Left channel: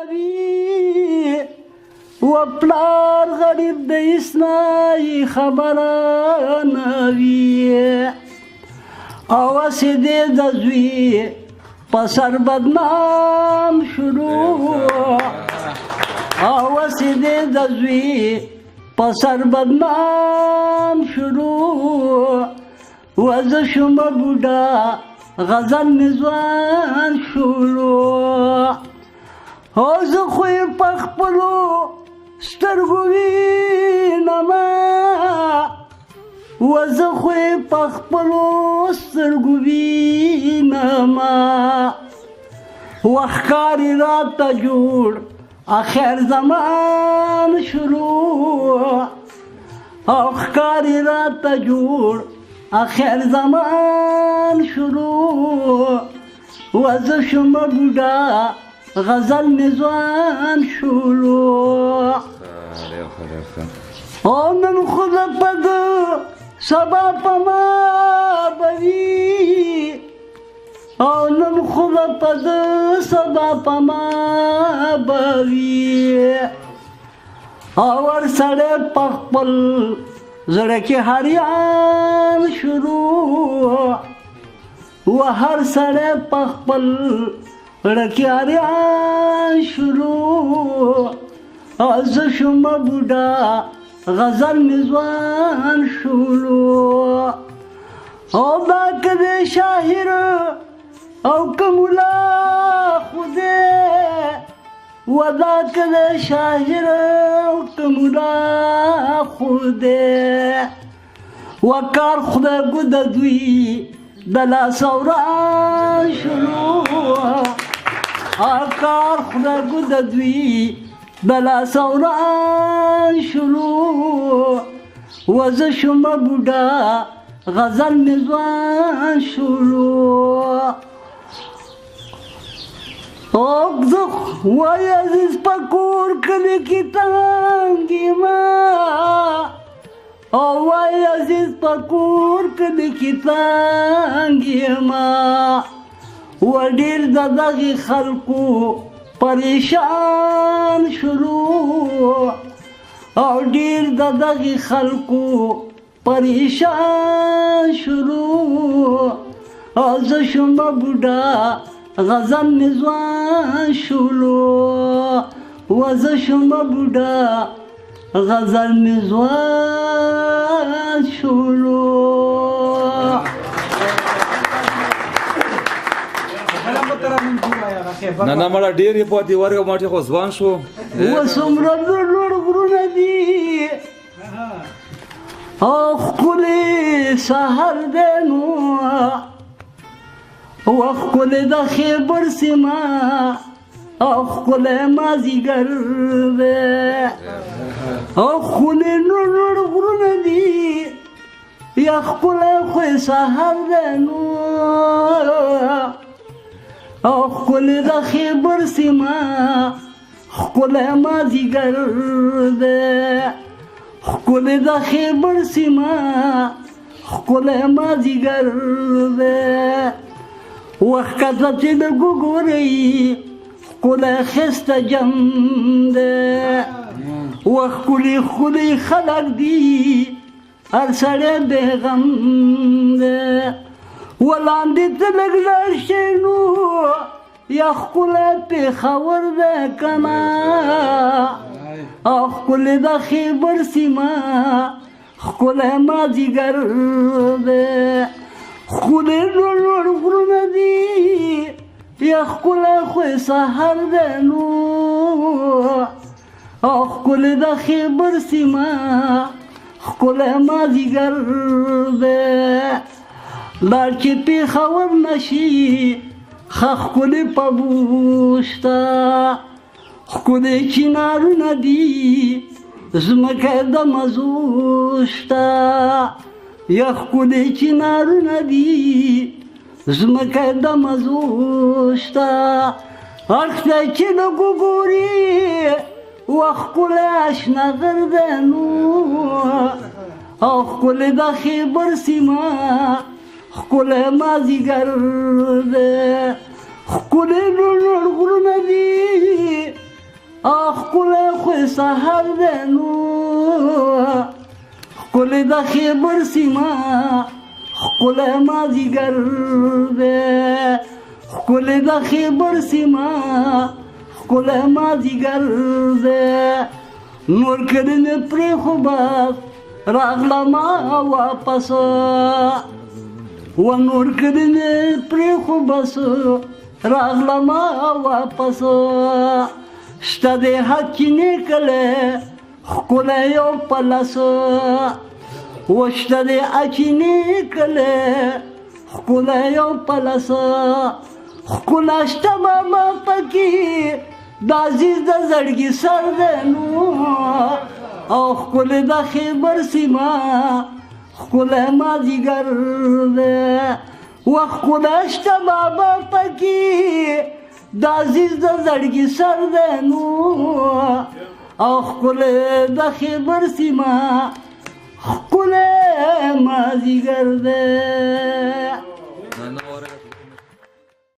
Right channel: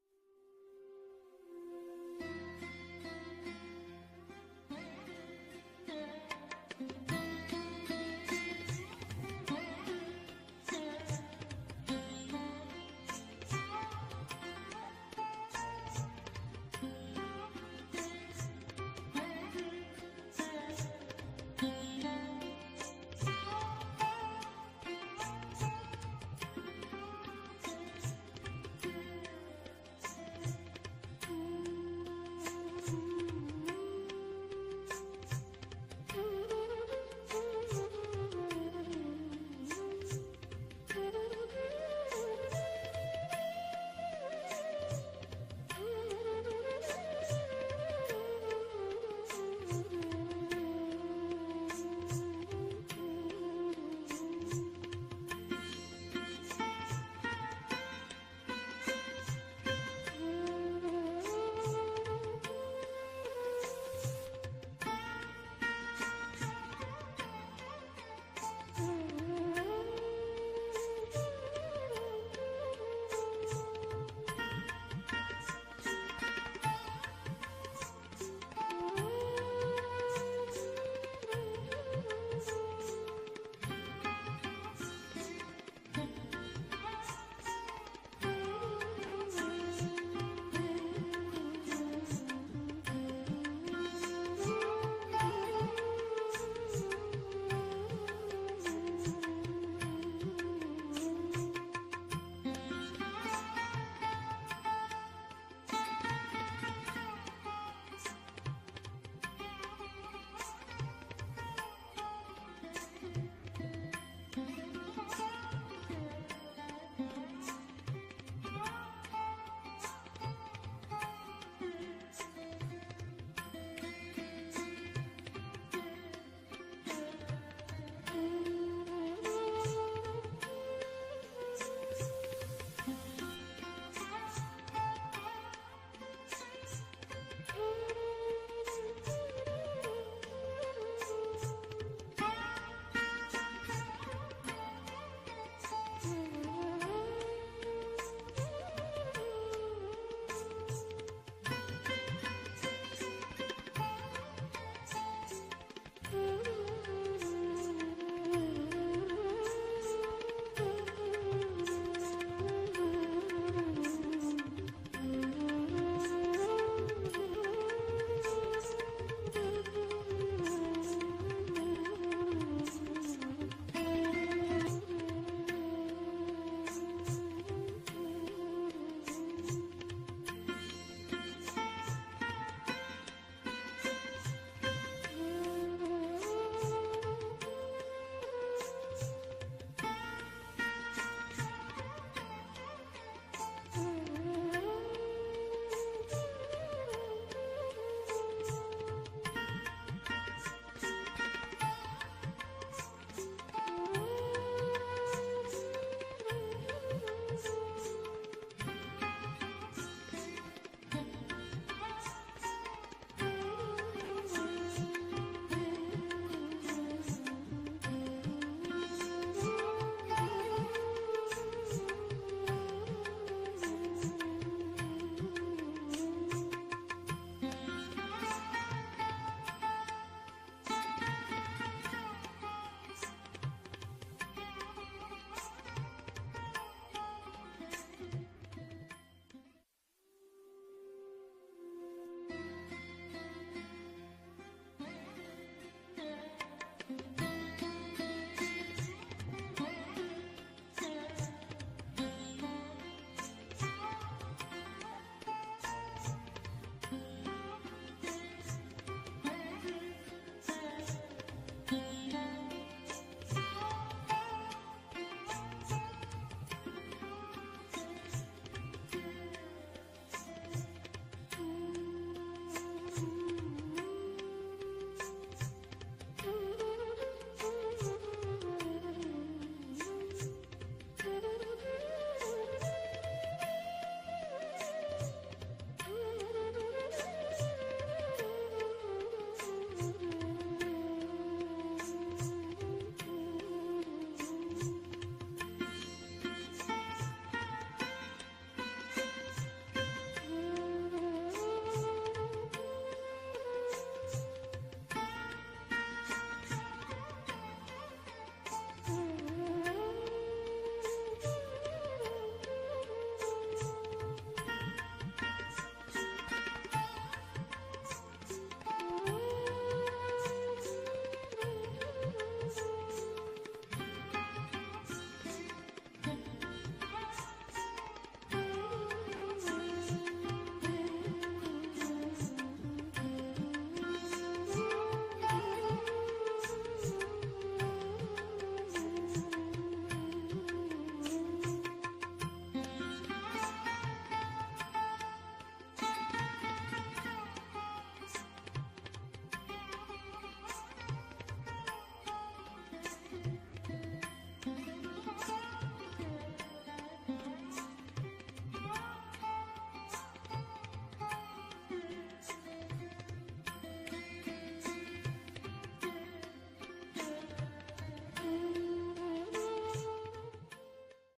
نوی و پلار غریب د اسنای خبره نوی آواز دې د زوی په سر بدنام شروع آواز دې د زوی په سر بدنام شروع وزه شوم بوډا غزل نزوان شروع او زه خو یې په خپلو سترګو وینمه وزه خو یې په خپلو سترګو وینمه وخت ښکاري راته جوړ آخر زمان شروع او ښکاري راته جوړ آخر زمان شروع وزه شوم بوډا غزل نزوان شروع او نن خو د پد سبا په ما بوي او نن خو د پد سبا په ما بوي او ورسره په خپل زړه کې هریان شروع و هر سره په خپل زړه کې هریان شروع زه شوم بوډا غزل نزوان شروع او دا که د شاعر او که ملا خوده و دا که د شاعر او که ملا خوده و کار خدای ګو د دوی د لاس وران شروع کار خدای ګو د دوی د لاس وران شروع وزه شوم بوډا غزل نزوان شروع اوږدخ وای عزیز په کور کلي کې تنګ یمه او وای عزیز په کور کلي کې تنګ یمه و ډېر د دغې خلکو پریشان شروع او ډېر د دغې خلکو پریشان شروع او زه شوم بوډا غزل نزوان شروع و زه شوم بوډا غزل نزوان شروع نه نه مړه ډېر یې پاتې ورګه ماټې خو ځوان شو اوس څومره لوړ غرونه دي او ښکلی سهار دی نو او ښکلی د خیبر سیمه او ښکلی مازدیګر دی او ښکلی لوړ غرونه دي یا ښکلی خو سهار دی نو او ښکلی د خیبر سیمه ښکلی مازدیګر دی ښکلی د خیبر سیمه ښکلی مازدیګر دی وخت کله چې د ګورئ ښکلی ښایسته جم دی و ښکلي خلک دي هر سړی بېغم دی ولاندې ته لږ لاړ شئ نو یا ښکلی پېښور دی که نه او ښکلی د خیبر سیمه ښکلی مازدیګر دی ښکلی لوړ غرونه دي یا ښکلی خو سهار دی نو او ښکلی د خیبر سیمه ښکلی مازدیګر دی لاړ چې پېښور نه شي ښه ښکلي پبوشته ښکلي چنارونه دي ځمکه د مزو شته یا ښکلي چنارونه دي ځمکه د مزو شته اړخ ته چې لږ وګوري و ښکلی اشنا غر دی نو او ښکلی د خیبر سیمه ښکلی مازدیګر دی ښکلی لوړ غرونه دي سحر دی نو ښکلی د خیبر سیمه ښکلی مازدیګر دی ښکلی د خیبر سیمه ښکلی مازدیګر دی نور کړي مې پرېښو بس راغلمه واپس و نور کړي مې پرېښو بس راغلمه واپس شته دی حق چینې کلی ښکلی یو پلس و شته دی اچینې کلی ښکلی یو پلس ښکلا شته ماما پکې د عزیز د زړګي سر دی نو او ښکلی د خیبر سیمه ښکلی مازدیګر دی و ښکلا شته ماما پکې د عزیز د زړګي سر دی نو او ښکلی د خیبر سیمه ښکلی مازدیګر دی